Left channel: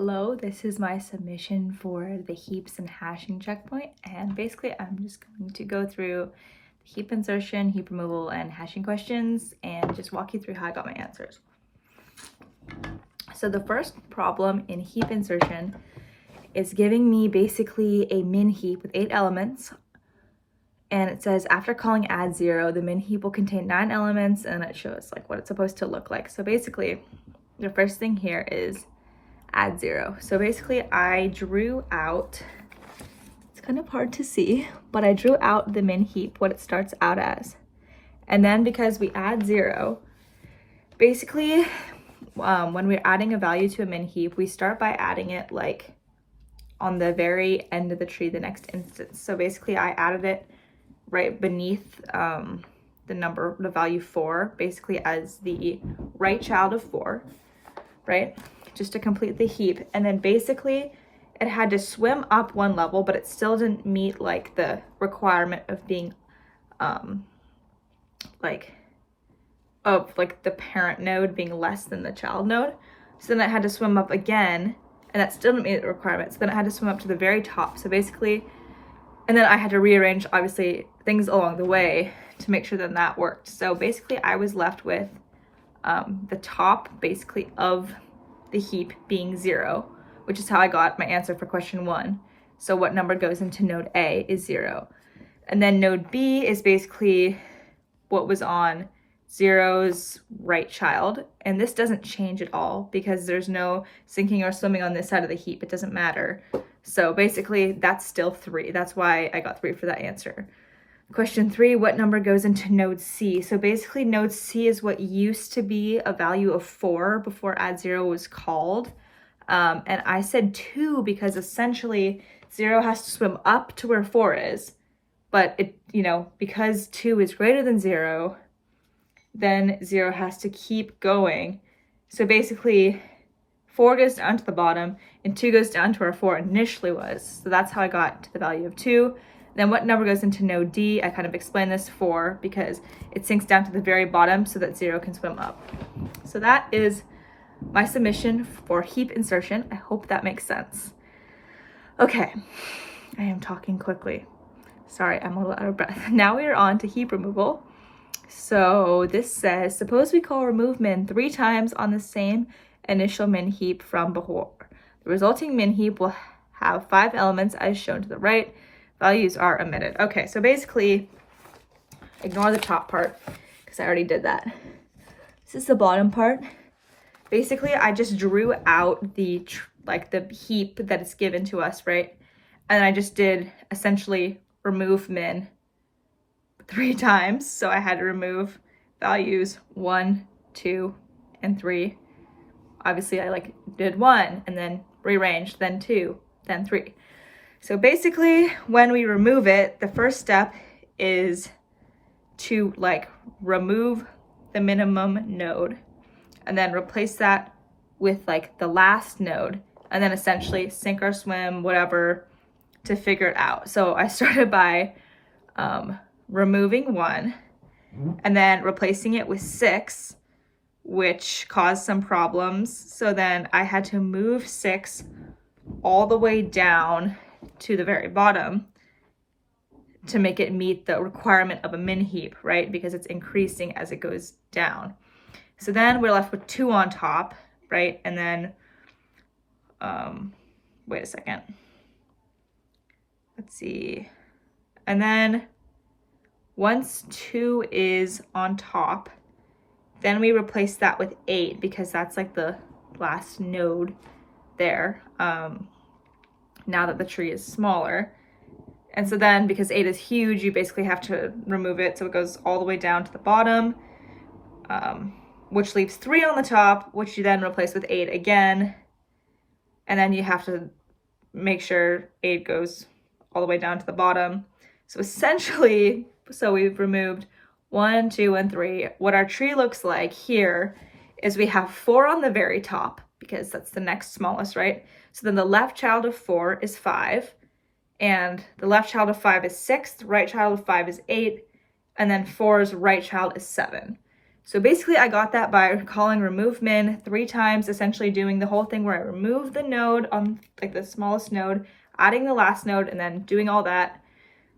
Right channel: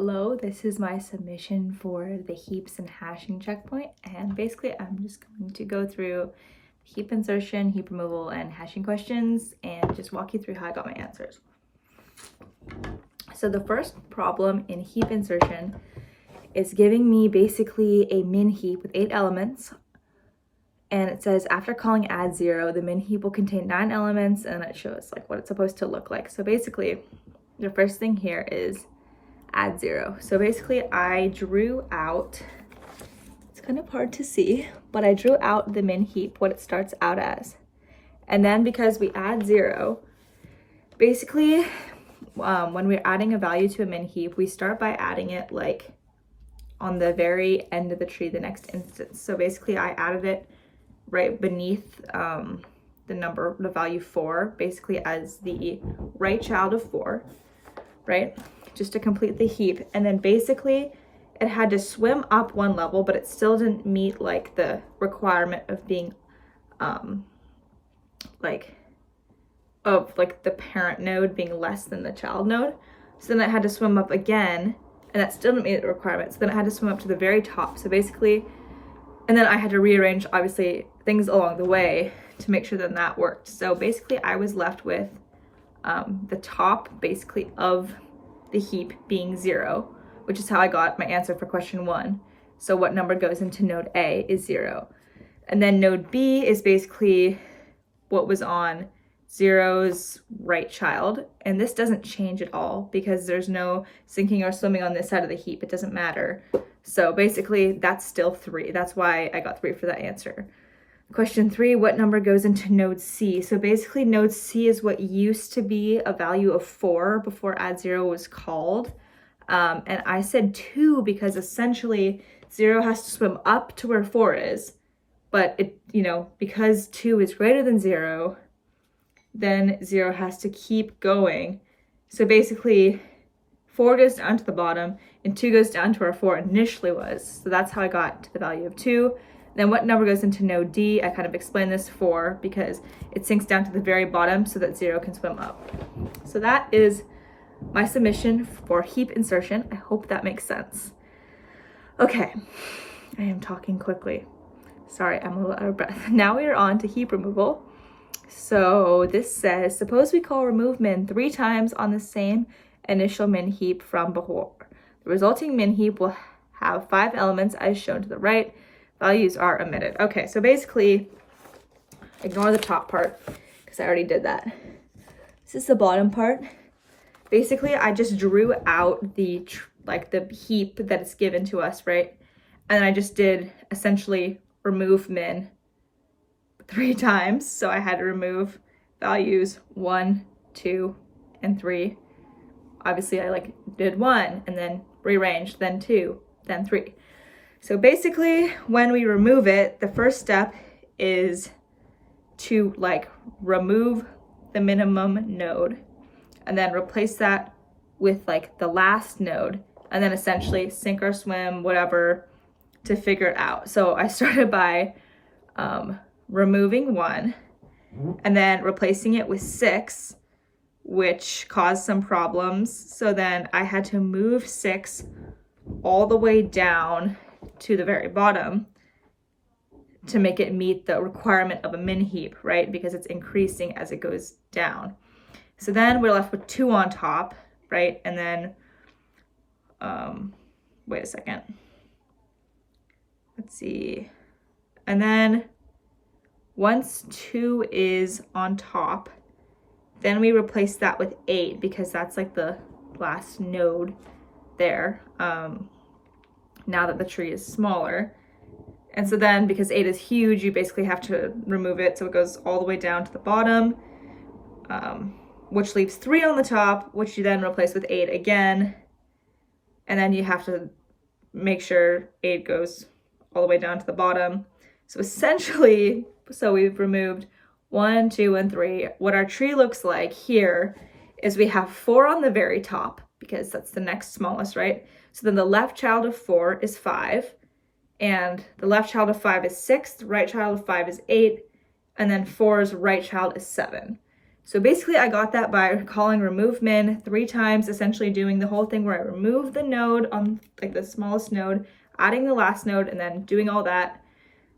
Hello, this is my submission for the heaps and hashing checkpoint, and basically I'm just going to go through heap insertion, heap removal, and hashing questions and just walk you through how I got my answers. So the first problem in heap insertion is giving me basically a min heap with 8 elements, and it says after calling add 0, the min heap will contain 9 elements, and it shows like what it's supposed to look like. So basically the first thing here is add 0. So basically I drew out, it's kind of hard to see, but I drew out the min heap, what it starts out as. And then because we add 0, basically when we're adding a value to a min heap, we start by adding it like on the very end of the tree, the next instance. So basically I added it right beneath the value 4, basically as the right child of 4, right? Just to complete the heap. And then basically it had to swim up 1 level, but it still didn't meet like the requirement of being the parent node being less than the child node. So then it had to swim up again, and that still didn't meet the requirement. So then it had to swim up to the very top. So basically, and then I had to rearrange obviously things along the way to make sure that that worked. So basically I was left with the top basically of the heap being 0, which is how I got my answer for question 1. So what number goes into node A is 0. And then node B is basically what was on 0's right child. And this doesn't change at all because there's no sinking or swimming on this side of the heap. It doesn't matter. So basically that's still 3. That's why I got 3 for that answer. Question 3, what number goes into node C? So basically node C is what used to be a value of 4 before add 0 was called. And I said 2 because essentially 0 has to swim up to where 4 is. But it, because 2 is greater than 0, then 0 has to keep going. So basically 4 goes down to the bottom and 2 goes down to where 4 initially was. So that's how I got to the value of 2. Then what number goes into node D? I kind of explained this 4 because it sinks down to the very bottom so that 0 can swim up. So that is my submission for heap insertion. I hope that makes sense. Okay, I am talking quickly. Sorry, I'm a little out of breath. Now we are on to heap removal. So this says, suppose we call remove min 3 times on the same initial min heap from before. The resulting min heap will have 5 elements as shown to the right. Values are omitted. Okay, so basically, ignore the top part because I already did that. This is the bottom part. Basically, I just drew out the heap that is given to us, right? And I just did essentially remove min 3 times. So I had to remove values 1, 2, and 3. Obviously, I did 1 and then rearranged, then 2, then 3. So basically, when we remove it, the first step is to remove the minimum node and then replace that with the last node and then essentially sink or swim, whatever, to figure it out. So I started by removing 1 and then replacing it with 6, which caused some problems. So then I had to move 6 all the way down to the very bottom to make it meet the requirement of a min heap, right? Because it's increasing as it goes down. So then we're left with 2 on top, right? And then, wait a second. Let's see. And then once 2 is on top, then we replace that with 8 because that's the last node there. Now that the tree is smaller. And so then because 8 is huge, you basically have to remove it so it goes all the way down to the bottom, which leaves 3 on the top, which you then replace with 8 again. And then you have to make sure 8 goes all the way down to the bottom. So essentially, we've removed 1, 2, and 3. What our tree looks like here is we have 4 on the very top because that's the next smallest, right? So then the left child of 4 is 5, and the left child of 5 is 6, the right child of 5 is 8, and then 4's right child is 7. So basically I got that by calling remove min 3 times, essentially doing the whole thing where I remove the node on like the smallest node, adding the last node, and then doing all that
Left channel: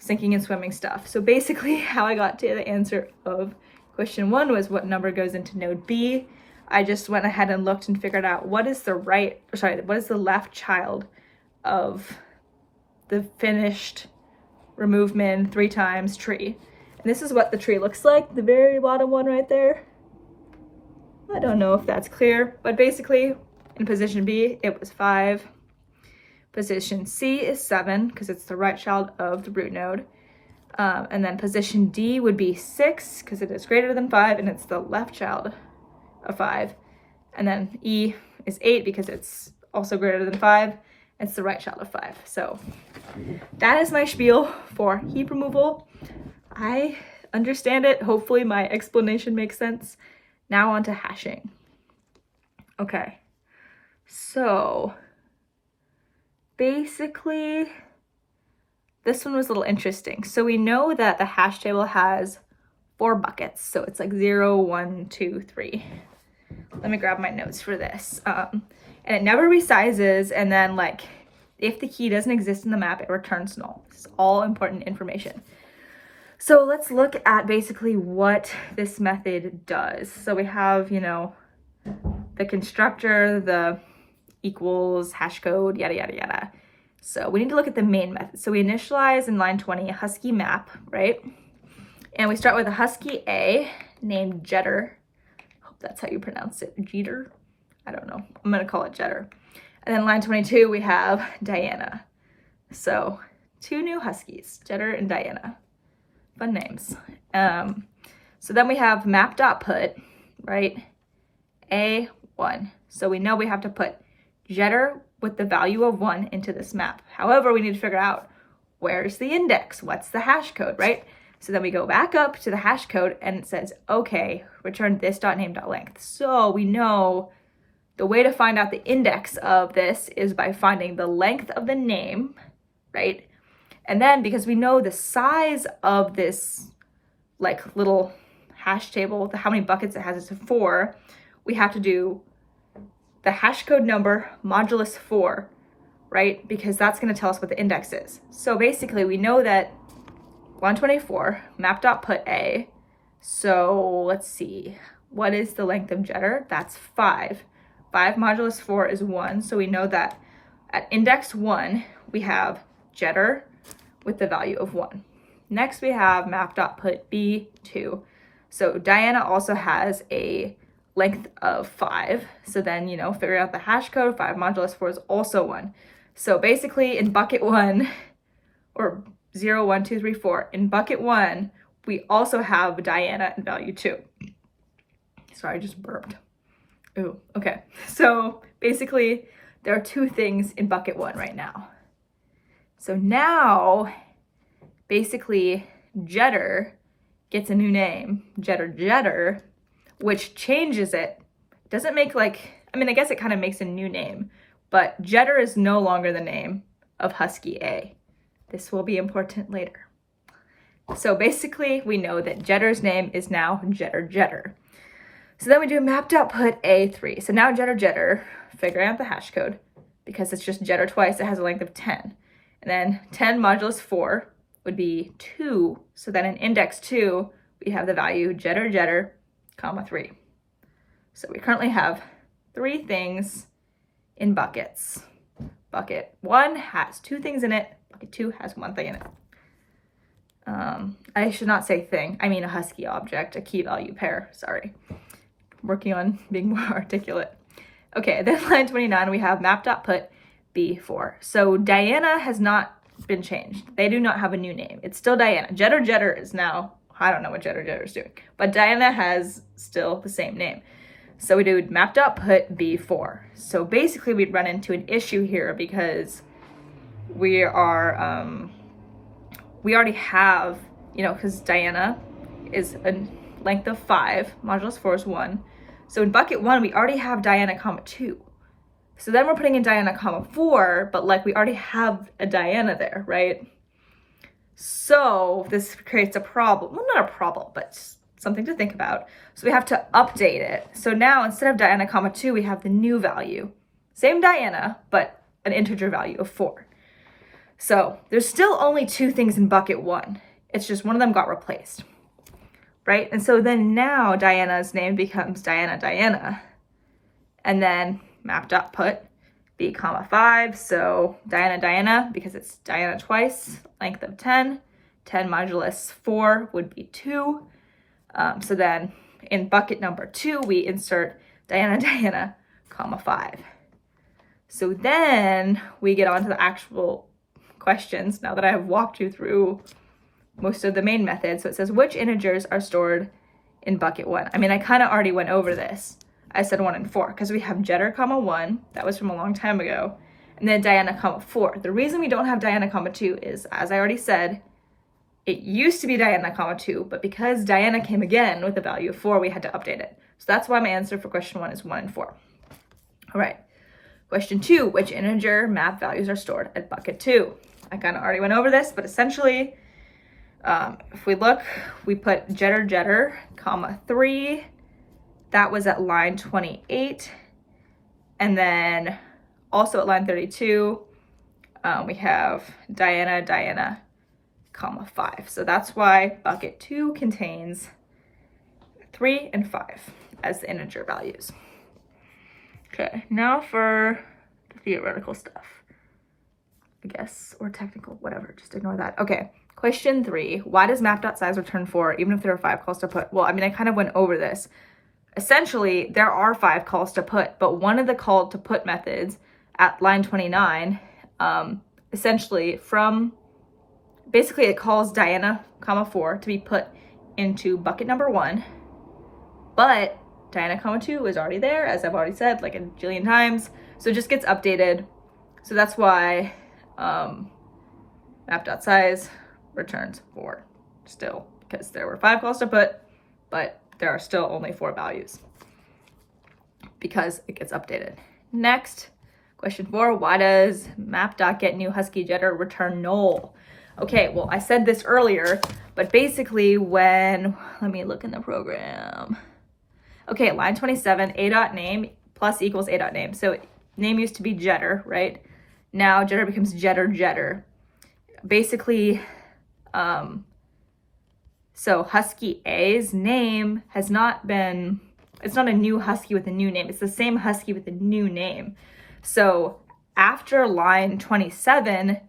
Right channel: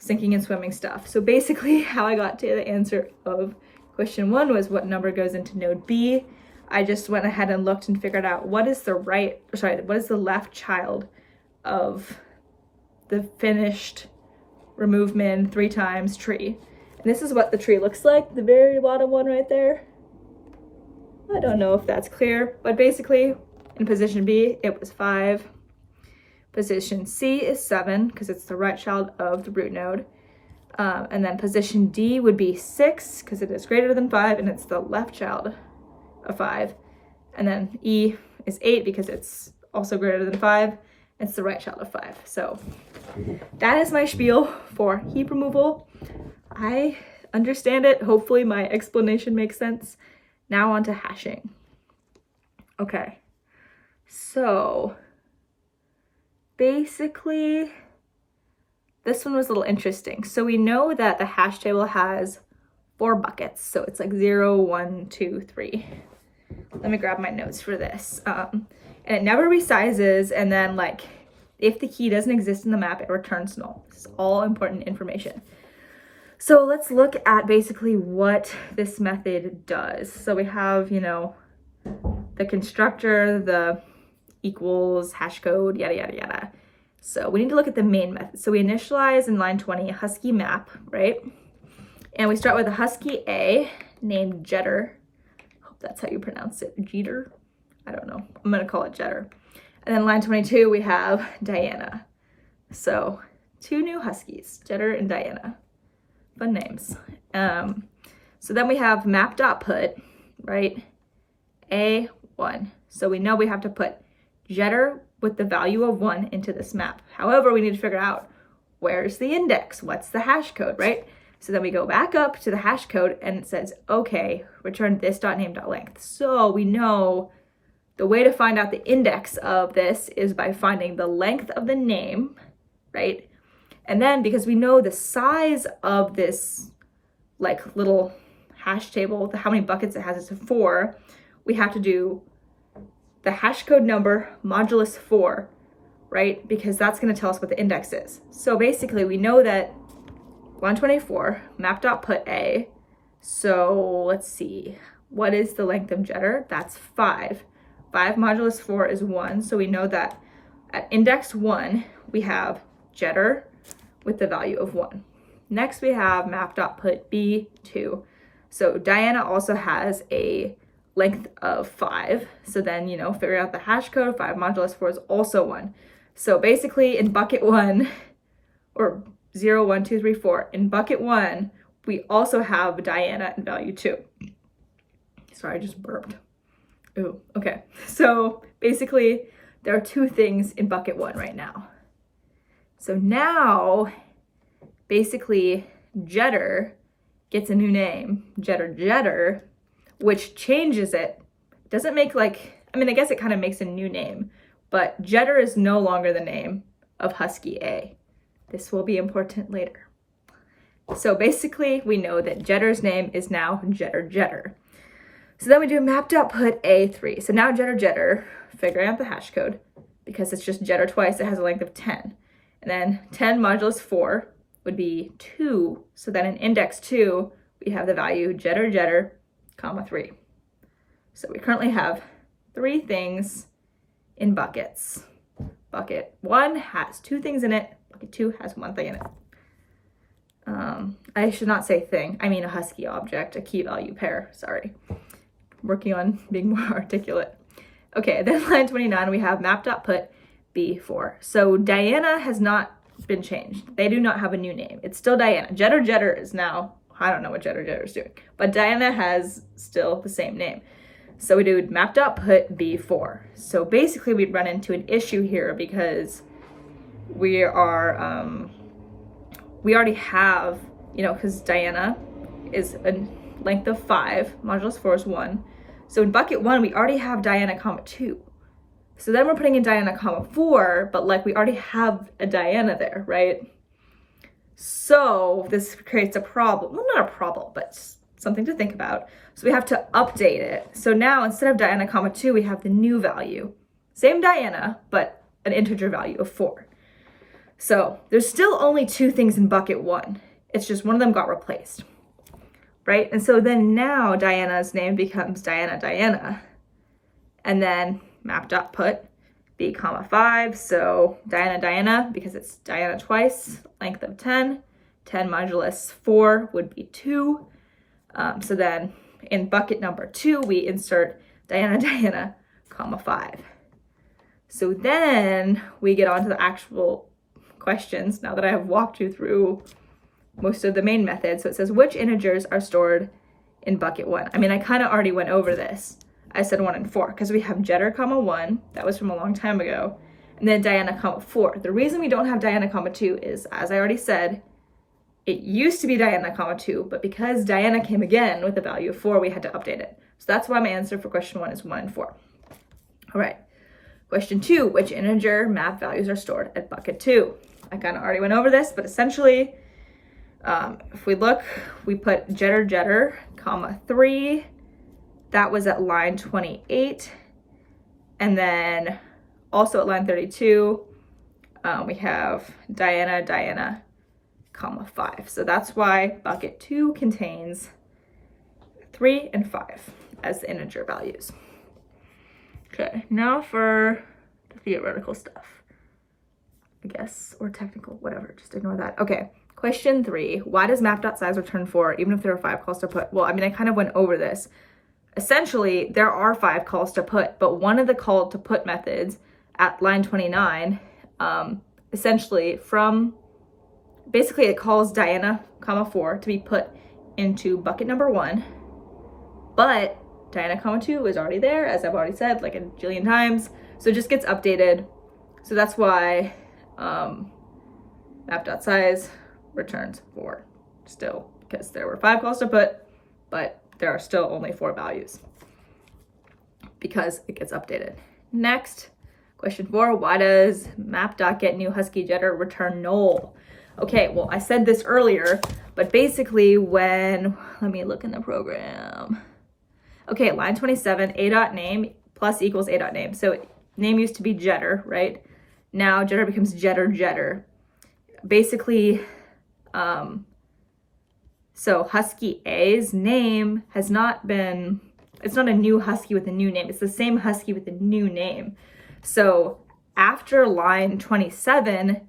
sinking and swimming stuff. So basically how I got to the answer of question 1 was what number goes into node B. I just went ahead and looked and figured out what is the left child of the finished remove min 3 times tree. And this is what the tree looks like, the very bottom one right there. I don't know if that's clear, but basically in position B, it was 5. Position C is 7 because it's the right child of the root node. And then position D would be 6 because it is greater than 5 and it's the left child of 5. And then E is 8 because it's also greater than 5. It's the right child of 5. So that is my spiel for heap removal. I understand it. Hopefully my explanation makes sense. Now on to hashing. Okay, so basically this one was a little interesting. So we know that the hash table has 4 buckets. So it's like 0, 1, 2, 3. Let me grab my notes for this. And it never resizes, and then like if the key doesn't exist in the map, it returns null. This is all important information. So let's look at basically what this method does. So we have, you know, the constructor, the equals, hash code, yada, yada, yada. So we need to look at the main method. So we initialize in line 20 a husky map, right? And we start with a husky A named Jetter. Hope that's how you pronounce it. Jeter? I don't know. I'm going to call it Jetter. And then line 22, we have Diana. So 2 new huskies, Jetter and Diana. Fun names. So then we have map.put, right? A1. So we know we have to put Jetter with the value of 1 into this map. However, we need to figure out where's the index? What's the hash code, right? So then we go back up to the hash code and it says, okay, return this.name.length. So we know the way to find out the index of this is by finding the length of the name, right? And then because we know the size of this like little hash table, how many buckets it has is 4, we have to do the hash code number modulus 4, right? Because that's going to tell us what the index is. So basically we know that 124 map.put A. So let's see, what is the length of Jetter? That's 5. 5 modulus 4 is 1. So we know that at index 1, we have Jetter with the value of 1. Next we have map.put B2. So Diana also has a length of 5. So then, you know, figure out the hash code, 5 modulus 4 is also 1. So basically in bucket 1, or 0, 1, 2, 3, 4, in bucket 1, we also have Diana in value 2. Sorry, I just burped. Ooh, okay. So basically there are 2 things in bucket 1 right now. So now, basically, Jetter gets a new name, Jetter, which changes it. Doesn't make like, I mean, I guess it kind of makes a new name, but Jetter is no longer the name of husky A. This will be important later. So basically, we know that Jetter's name is now Jetter. So then we do map.put A3. So now Jetter, figuring out the hash code, because it's just Jetter twice, it has a length of 10. And then 10 modulus 4 would be 2. So then in index 2, we have the value Jetter, comma 3. So we currently have 3 things in buckets. Bucket 1 has 2 things in it. Bucket 2 has 1 thing in it. I should not say thing. I mean a husky object, a key value pair. Sorry. Working on being more articulate. Okay, then line 29, we have map.put B4. So Diana has not been changed. They do not have a new name. It's still Diana. Jetter is now, I don't know what Jetter is doing, but Diana has still the same name. So we do map.put B4. So basically we'd run into an issue here because we are, we already have, you know, because Diana is a length of 5, modulus 4 is 1. So in bucket 1, we already have Diana, comma 2. So then we're putting in Diana, comma 4, but like we already have a Diana there, right? So this creates a problem. Well, not a problem, but something to think about. So we have to update it. So now instead of Diana, comma 2, we have the new value. Same Diana, but an integer value of 4. So there's still only 2 things in bucket 1. It's just one of them got replaced, right? And so then now Diana's name becomes Diana. And then map.put b comma 5. So Diana, because it's Diana twice, length of 10. 10 modulus 4 would be 2. So then in bucket number 2, we insert Diana, comma 5. So then we get on to the actual questions now that I have walked you through most of the main methods. So it says, which integers are stored in bucket 1? I mean, I kind of already went over this. I said 1 and 4 because we have Jetter, comma 1. That was from a long time ago. And then Diana, comma 4. The reason we don't have Diana, comma 2 is, as I already said, it used to be Diana, comma 2, but because Diana came again with the value of 4, we had to update it. So that's why my answer for question 1 is 1 and 4. All right. Question 2, which integer map values are stored at bucket 2? I kind of already went over this, but essentially, if we look, we put Jetter, comma 3. That was at line 28. And then also at line 32, we have Diana, comma 5. So that's why bucket 2 contains 3 and 5 as the integer values. Okay, now for the theoretical stuff, I guess, or technical, whatever, just ignore that. Okay, question 3, why does map.size return 4 even if there are 5 calls to put? Well, I mean, I kind of went over this. Essentially, there are 5 calls to put, but one of the call to put methods at line 29, essentially basically it calls Diana, comma 4 to be put into bucket number 1, but Diana, comma 2 is already there, as I've already said like a jillion times, so it just gets updated. So that's why map.size returns 4 still, because there were 5 calls to put, but there are still only 4 values because it gets updated. Next, question 4, why does map.getNewHuskyJetter return null? Okay, well, I said this earlier, but basically let me look in the program. Okay, line 27, a.name plus equals a.name. So name used to be Jetter, right? Now Jetter becomes Jetter. Basically, so Husky A's name has not been, it's not a new Husky with a new name. It's the same Husky with a new name. So after line 27,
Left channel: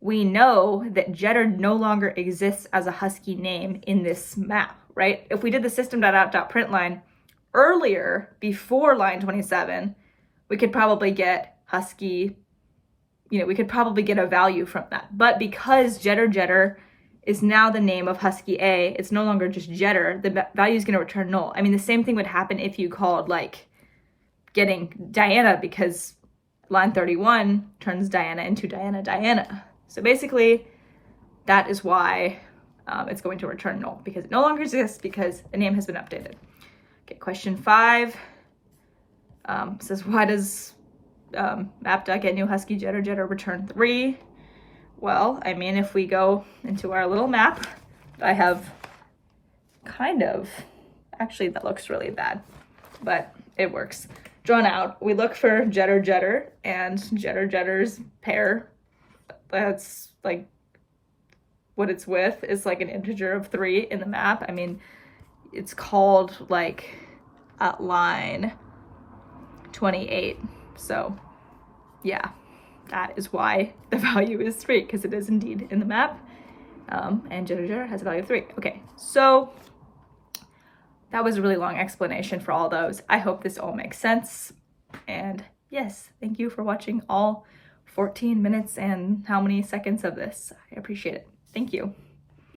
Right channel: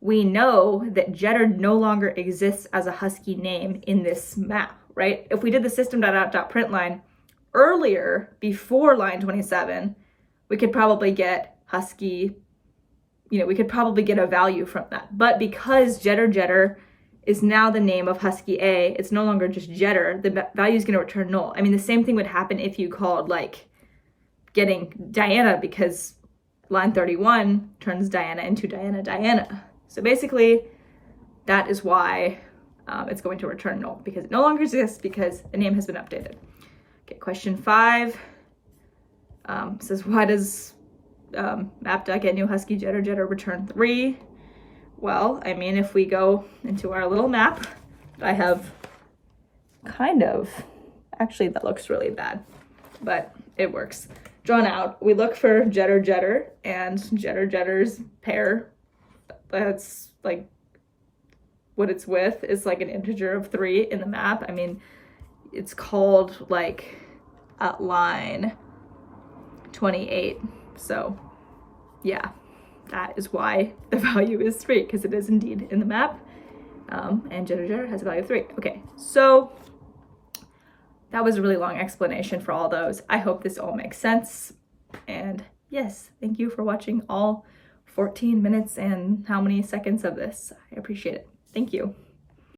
we know that Jetter no longer exists as a Husky name in this map, right? If we did the system.out.println earlier, before line 27, we could probably get Husky, we could probably get a value from that. But because Jetter is now the name of Husky A, it's no longer just Jetter, the value is going to return null. I mean, the same thing would happen if you called like getting Diana, because line 31 turns Diana into Diana. So basically, that is why it's going to return null, because it no longer exists because the name has been updated. Okay, question 5 says, why does map.getNewHuskyJetter return 3? Well, I mean, if we go into our little map, I have actually that looks really bad, but it works. Drawn out, we look for Jetter, and Jetter's pair, that's like what it's with, is like an integer of 3 in the map. I mean, it's called like at line 28. So yeah, that is why the value is 3, because it is indeed in the map. And Jetter has a value of 3. Okay, so that was a really long explanation for all those. I hope this all makes sense. And yes, thank you for watching all 14 minutes and how many seconds of this. I appreciate it. Thank you.